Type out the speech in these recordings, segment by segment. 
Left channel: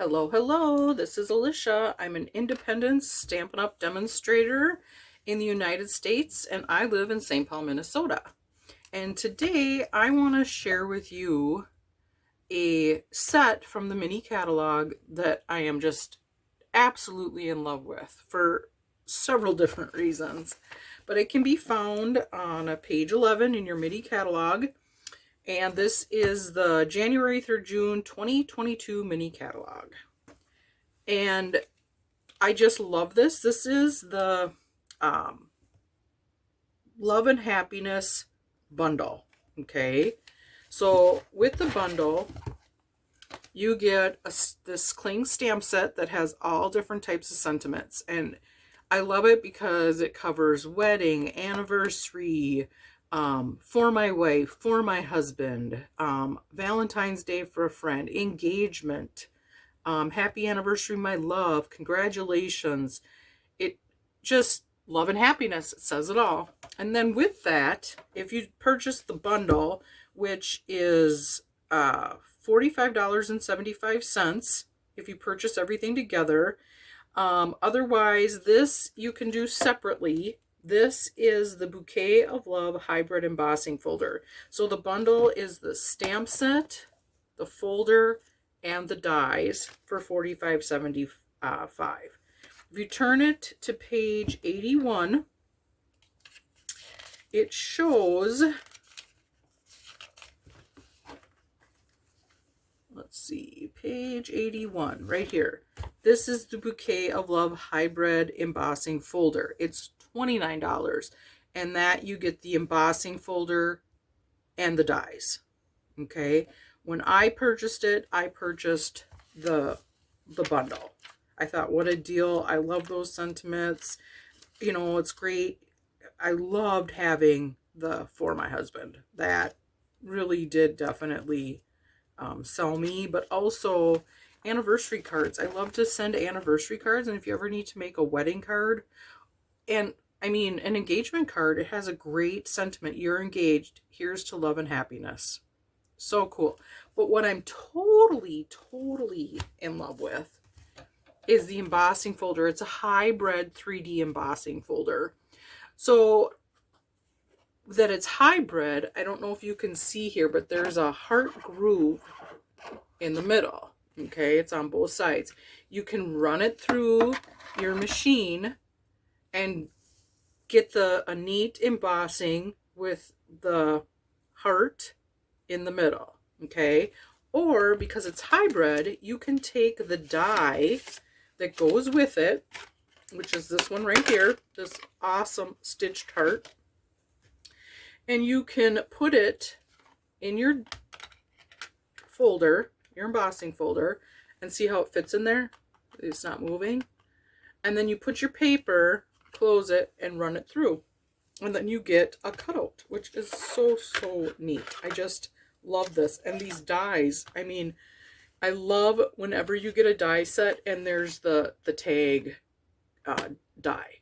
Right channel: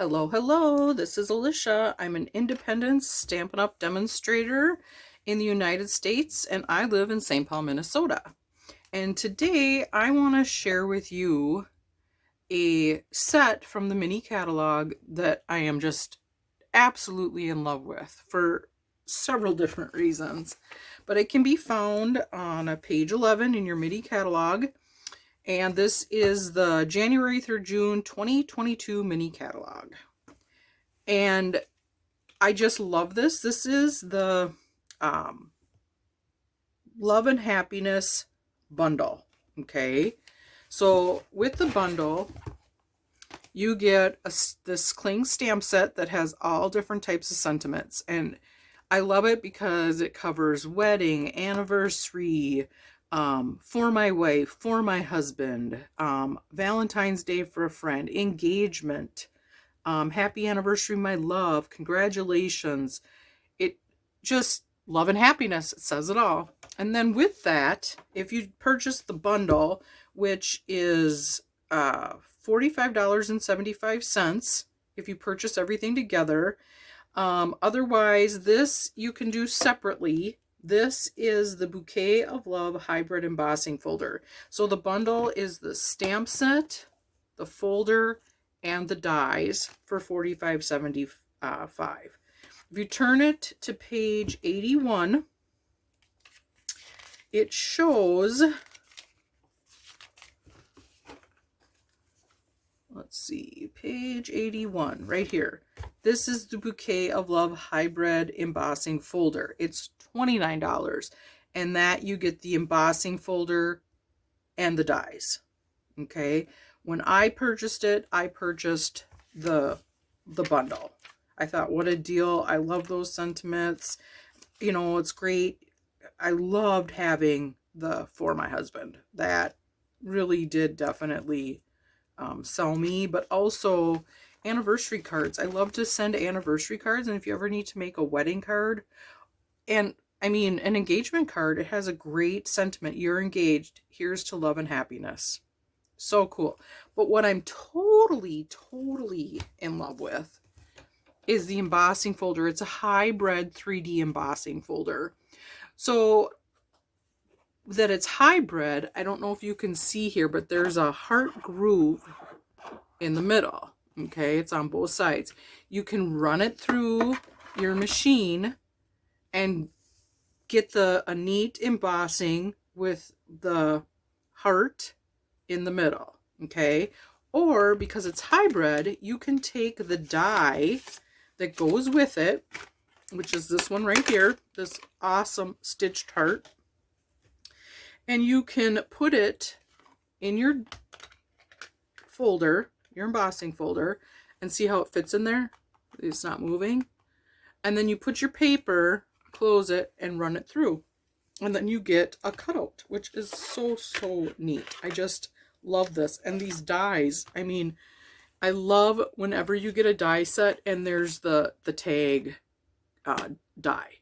Hello, hello. This is Alicia. I'm an independent Stampin' Up! Demonstrator in the United States, and I live in St. Paul, Minnesota. And today I want to share with you a set from the mini catalog that I am just absolutely in love with for several different reasons. But it can be found on page 11 in your mini catalog. And this is the January through June 2022 mini catalog. And I just love this. This is the Love and Happiness bundle. Okay. So with the bundle, you get this cling stamp set that has all different types of sentiments. And I love it because it covers wedding, anniversary, for my wife, for my husband, Valentine's Day for a friend, engagement, happy anniversary, my love, congratulations. It just love and happiness. It says it all. And then with that, if you purchase the bundle, which is $45.75 if you purchase everything together. Otherwise, this you can do separately. This is the Bouquet of Love Hybrid Embossing Folder. So the bundle is the stamp set, the folder, and the dies for $45.75. If you turn it to page 81, it shows, let's see, page 81, right here. This is the Bouquet of Love Hybrid Embossing Folder. It's $29, and that you get the embossing folder and the dies. Okay, when I purchased it, I purchased the bundle. I thought, what a deal. I love those sentiments. You know, it's great. I loved having the For My Husband. That really did definitely sell me, but also anniversary cards. I love to send anniversary cards, and if you ever need to make a wedding card, and I mean an engagement card, it has a great sentiment. You're engaged. Here's to love and happiness. So cool. But what I'm totally in love with is the embossing folder. It's a hybrid 3D embossing folder. So that it's hybrid, I don't know if you can see here, but there's a heart groove in the middle. Okay, it's on both sides. You can run it through your machine and get a neat embossing with the heart in the middle. Okay, or because it's hybrid, you can take the die that goes with it, which is this one right here, this awesome stitched heart, and you can put it in your folder, your embossing folder, and see how it fits in there. It's not moving. And then you put your paper, close it, and run it through. And then you get a cutout, which is so neat. I just love this. And these dies, I mean, I love whenever you get a die set and there's the tag die.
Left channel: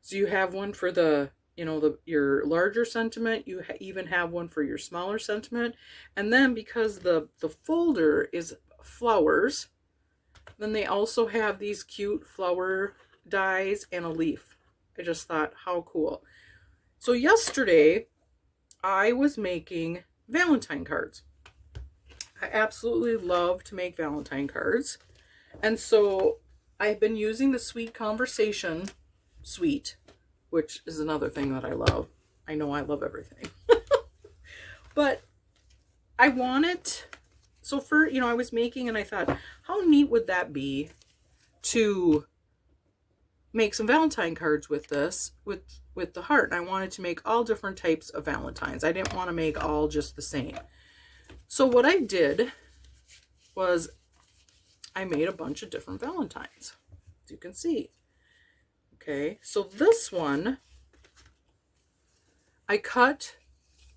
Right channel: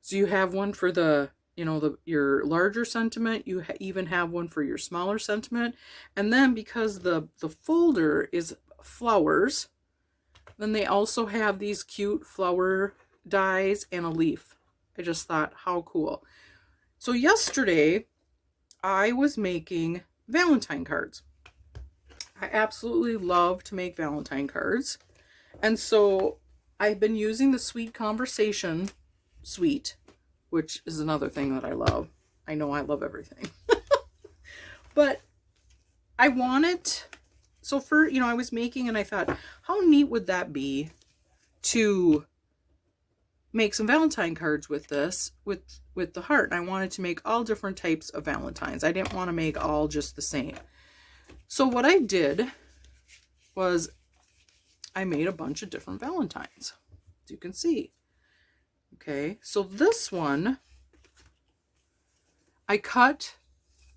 So you have one for the, you know, your larger sentiment. You even have one for your smaller sentiment. And then because the folder is flowers, then they also have these cute flower dies and a leaf. I just thought, how cool. So yesterday, I was making Valentine cards. I absolutely love to make Valentine cards. And so I've been using the Sweet Conversation suite, which is another thing that I love. I know I love everything. But I wanted, so for, you know, I was making and I thought, how neat would that be to make some Valentine cards with this, with the heart. And I wanted to make all different types of Valentines. I didn't want to make all just the same. So what I did was I made a bunch of different Valentines, as you can see. Okay, so this one, I cut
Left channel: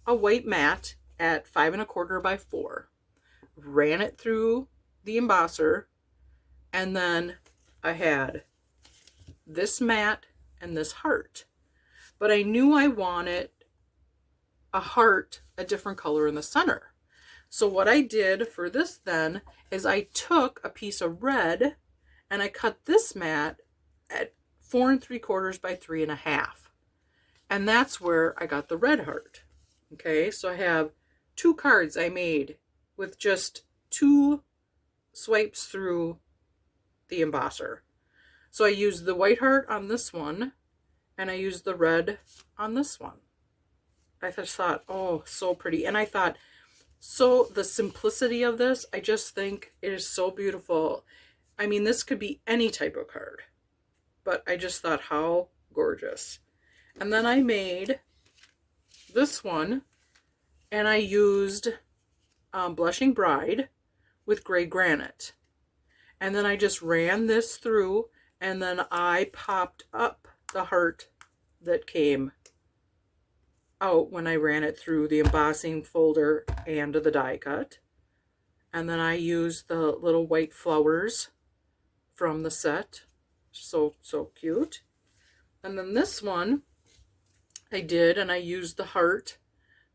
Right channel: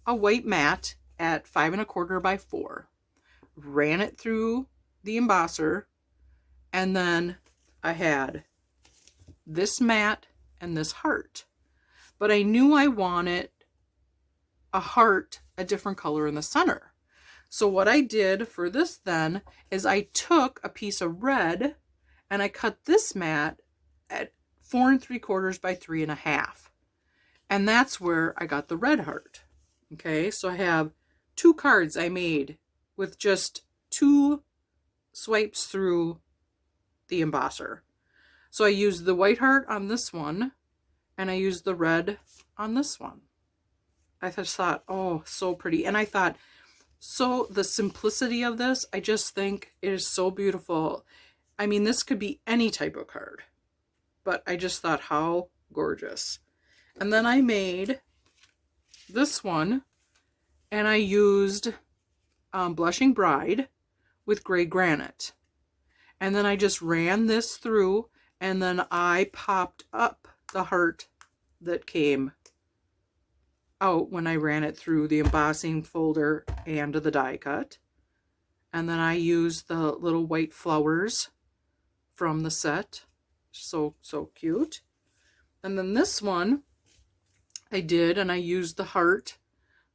a white mat at 5 1/4 by 4, ran it through the embosser, and then I had this mat and this heart. But I knew I wanted a heart a different color in the center. So what I did for this then is I took a piece of red and I cut this mat at 4 3/4 by 3 1/2. And that's where I got the red heart. Okay, so I have 2 cards I made with just 2 swipes through the embosser. So I used the white heart on this one and I used the red on this one. I just thought, oh, so pretty. And I thought, so the simplicity of this, I just think it is so beautiful. I mean, this could be any type of card, but I just thought, how gorgeous. And then I made this one and I used Blushing Bride with gray granite. And then I just ran this through and then I popped up the heart that came out when I ran it through the embossing folder and the die cut. And then I used the little white flowers from the set. So cute. And then this one I did, and I used the heart.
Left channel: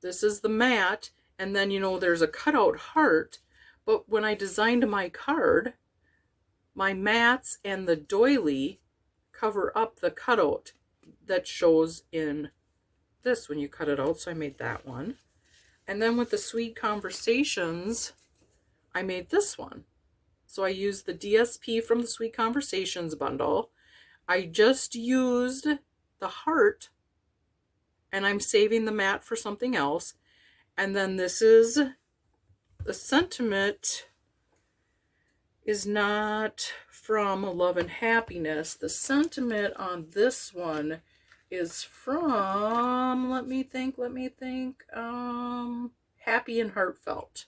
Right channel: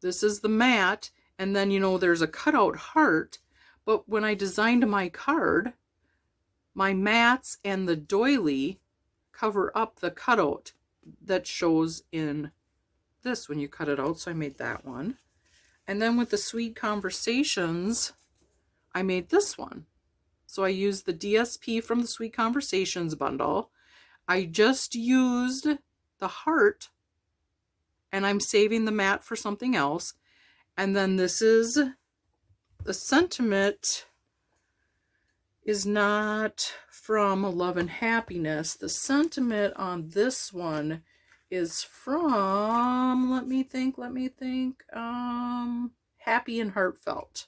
This is the mat, and then, you know, there's a cutout heart, but when I designed my card, my mats and the doily cover up the cutout that shows in this when you cut it out, so I made that one. And then with the Sweet Conversations, I made this one. So I used the DSP from the Sweet Conversations bundle. I just used the heart, and I'm saving the mat for something else. And then this is the sentiment is not from Love and Happiness. The sentiment on this one is from, let me think, Happy and Heartfelt.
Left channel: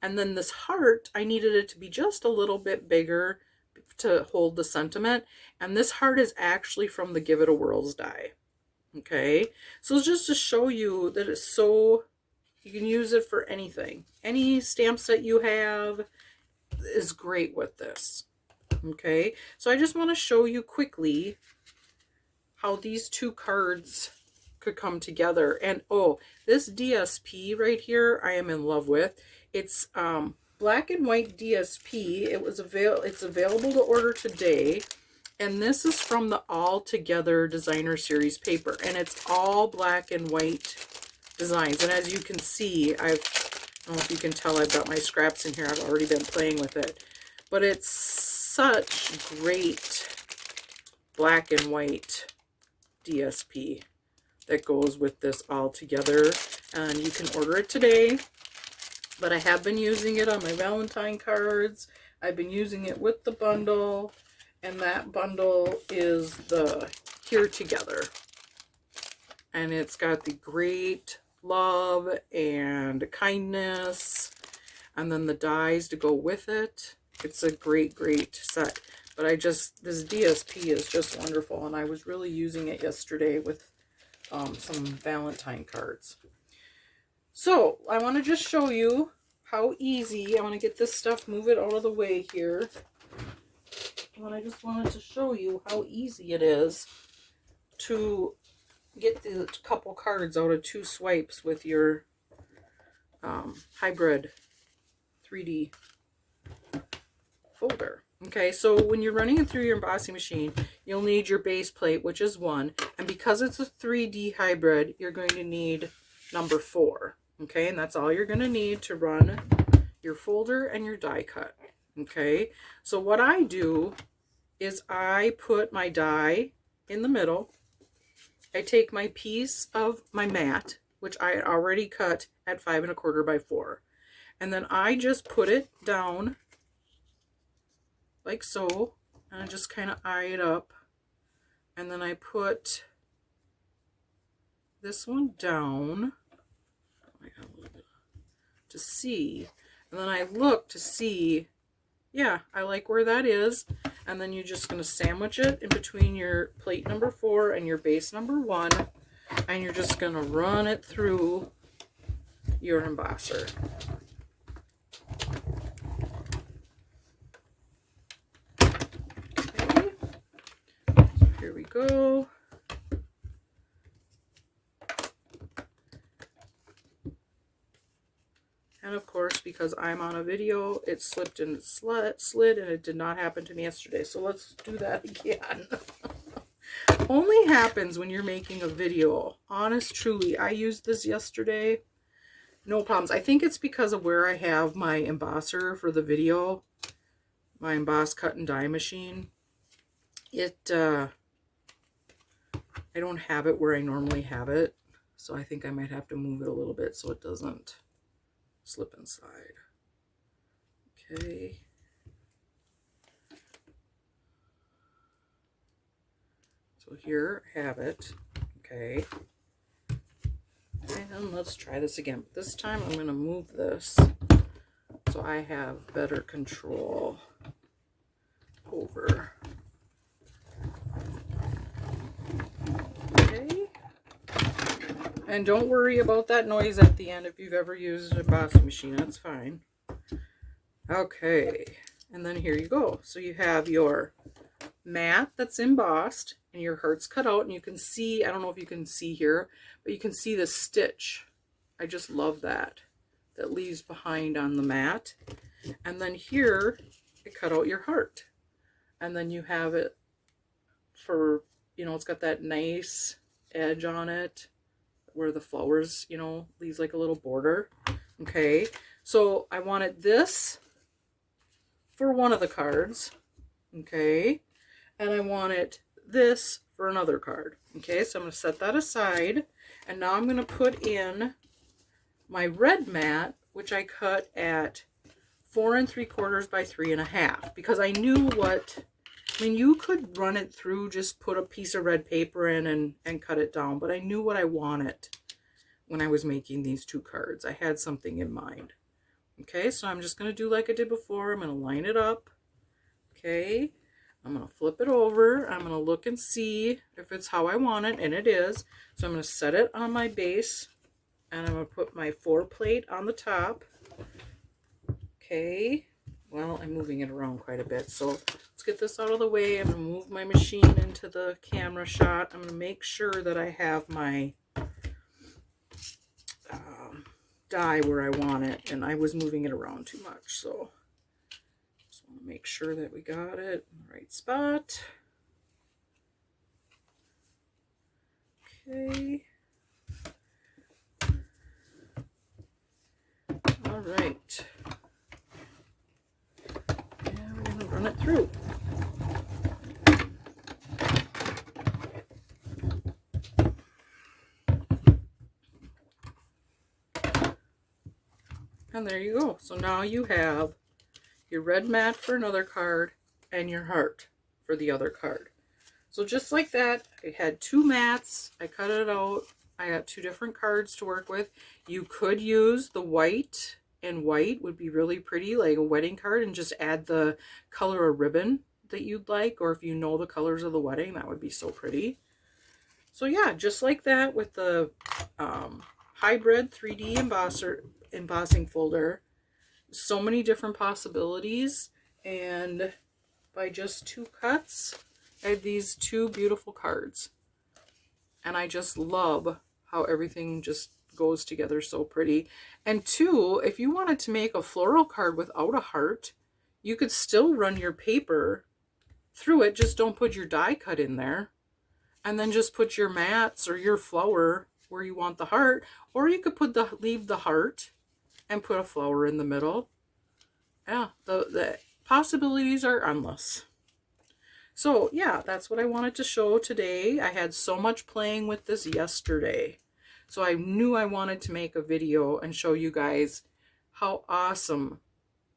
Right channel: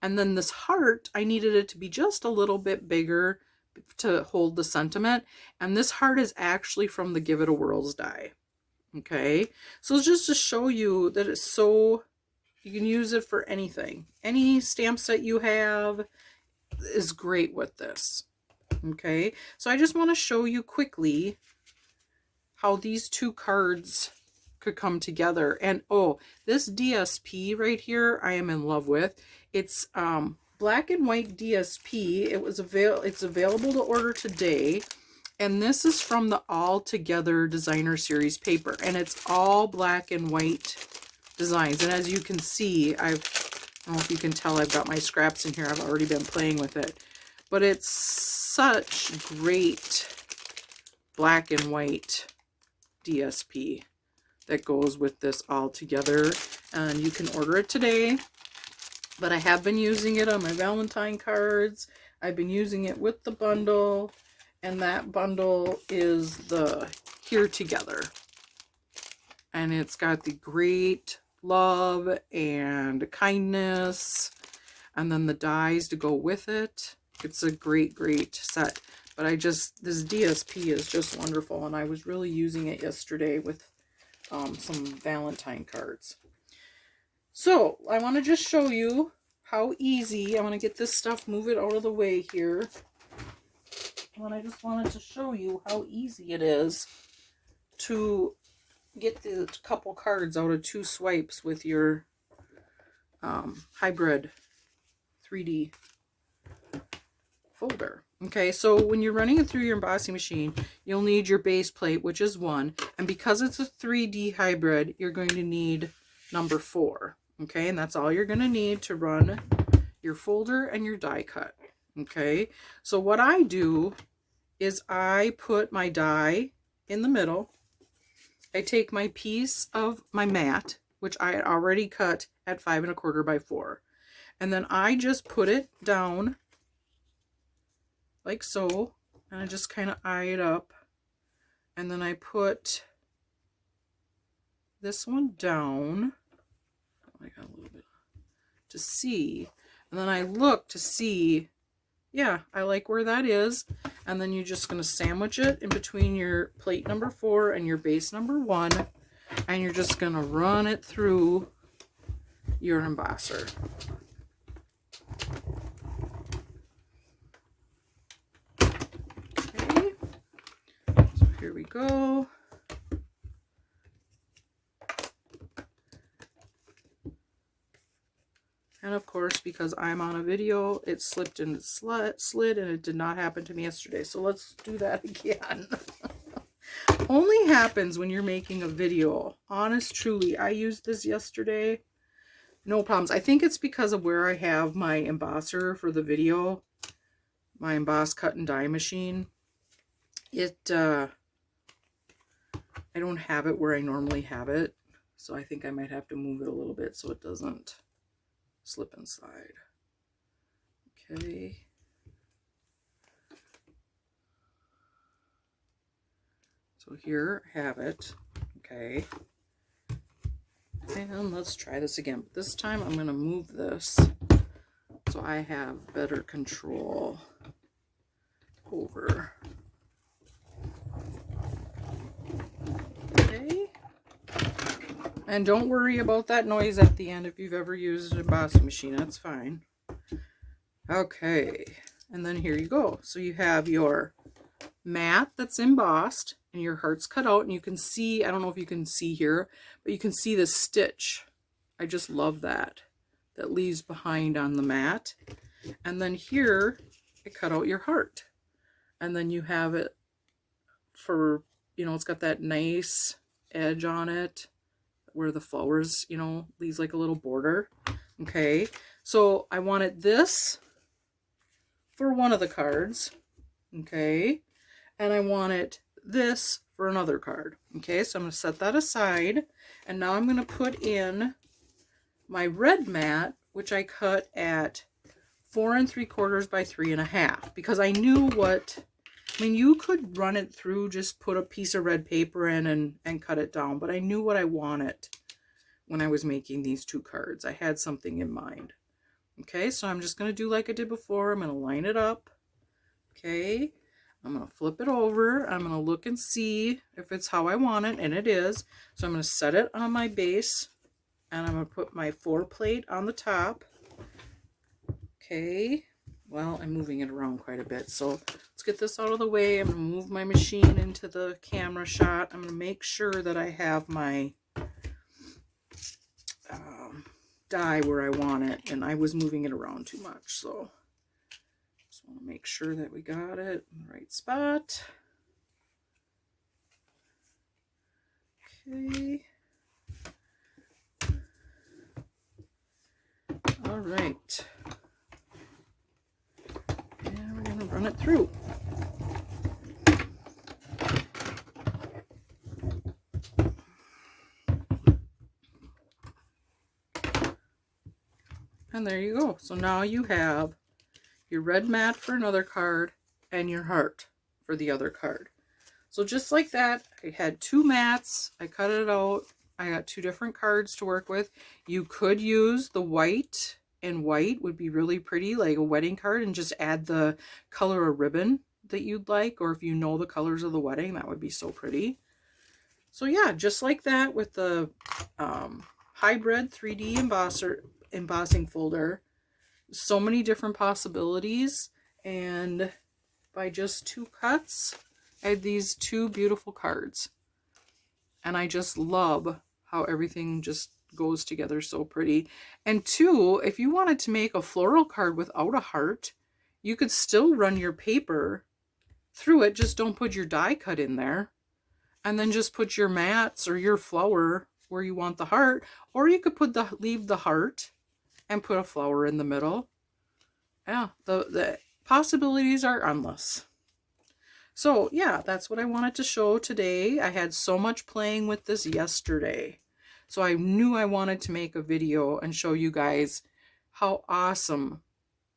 And then this heart, I needed it to be just a little bit bigger to hold the sentiment. And this heart is actually from the Give It a Whirl's die. Okay, so it's just to show you that it's so, you can use it for anything. Any stamp set you have is great with this. Okay, so I just want to show you quickly how these 2 cards could come together. And oh, this DSP right here I am in love with. It's black and white DSP. It's available to order today. And this is from the All Together Designer Series paper. And it's all black and white designs. And as you can see, I don't know if you can tell, I've got my scraps in here. I've already been playing with it. But it's such great black and white DSP that goes with this All Together. And you can order it today. But I have been using it on my Valentine cards. I've been using it with the bundle. And that bundle is the Here Together. And it's got the great love and kindness. And then the dies to go with it. It's a great, great set. But this DSP is just wonderful. And I was really using it yesterday with some Valentine cards. So I want to just show you how easy, I want to get this stuff, move it out of the way here. And I just wanted to show you how easy it is to get the couple cards out of 2 swipes with your hybrid 3D folder. Okay, so when you're running it through your embossing machine, you'll need your base plate, which is 1. And because it's a 3D hybrid, you're going to need number 4. Okay, and that's all you're going to need to run your folder and your die cut. Okay, so what I do is I put my die in the middle. I take my piece of my mat, which I had already cut at 5 1/4 by 4. And then I just put it down like so. And I just kind of eye it up. And then I put this one down. I got a little bit to see. And then I look to see, yeah, I like where that is. And then you're just going to sandwich it in between your plate number 4 and your base number 1. And you're just going to run it through your embosser. Okay, so here we go. And of course, because I'm on a video, it slipped and it slid, and it did not happen to me yesterday. So let's do that again. Only happens when you're making a video. Honest, truly. I used this yesterday. No problems. I think it's because of where I have my embosser for the video. My emboss, cut, and die machine. I don't have it where I normally have it. So I think I might have to move it a little bit so it doesn't slip inside. Okay. So here I have it. Okay. And let's try this again. This time I'm going to move this so I have better control over. Okay. And don't worry about that noise at the end if you've ever used an embossing machine. That's fine. Okay. And then here you go. So you have your mat that's embossed and your heart's cut out, and you can see, I don't know if you can see here, but you can see the stitch. I just love that leaves behind on the mat. And then here I cut out your heart, and then you have it for, you know, it's got that nice edge on it where the flowers, you know, leaves like a little border. Okay, so I wanted this for one of the cards. Okay, and I wanted this for another card. Okay, so I'm going to set that aside, and now I'm going to put in my red mat, which I cut at 4 3/4 by 3 1/2, because I knew what, I mean, you could run it through, just put a piece of red paper in and cut it down, but I knew what I wanted when I was making these two cards. I had something in mind. Okay, so I'm just going to do like I did before. I'm going to line it up. Okay, I'm going to flip it over. I'm going to look and see if it's how I want it, and it is. So I'm going to set it on my base, and I'm going to put my 4 plate on the top. Okay, well, I'm moving it around quite a bit, so let's get this out of the way and move my machine into the camera shot. I'm going to make sure that I have my die where I want it, and I was moving it around too much, so just want to make sure that we got it in the right spot. Okay. All right. And we're going to run it through. And there you go. So now you have your red mat for another card and your heart for the other card. So just like that, I had 2 mats. I cut it out. I got 2 different cards to work with. You could use the white, and white would be really pretty, like a wedding card, and just add the color of ribbon that you'd like, or if you know the colors of the wedding, that would be so pretty. So yeah, just like that with the hybrid 3D embossing folder. So many different possibilities, and by just 2 cuts, I have these 2 beautiful cards. And I just love how everything just goes together so pretty. And 2, if you wanted to make a floral card without a heart, you could still run your paper through it. Just don't put your die cut in there. And then just put your mats or your flower where you want the heart. Or you could leave the heart and put a flower in the middle. Yeah, the possibilities are endless. So yeah, that's what I wanted to show today. I had so much playing with this yesterday, so I knew I wanted to make a video and show you guys how awesome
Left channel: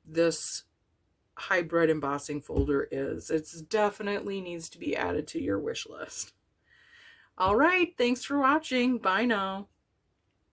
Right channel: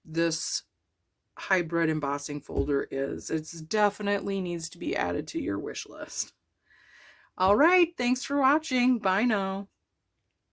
this hybrid embossing folder is. It definitely needs to be added to your wish list. All right, thanks for watching. Bye now.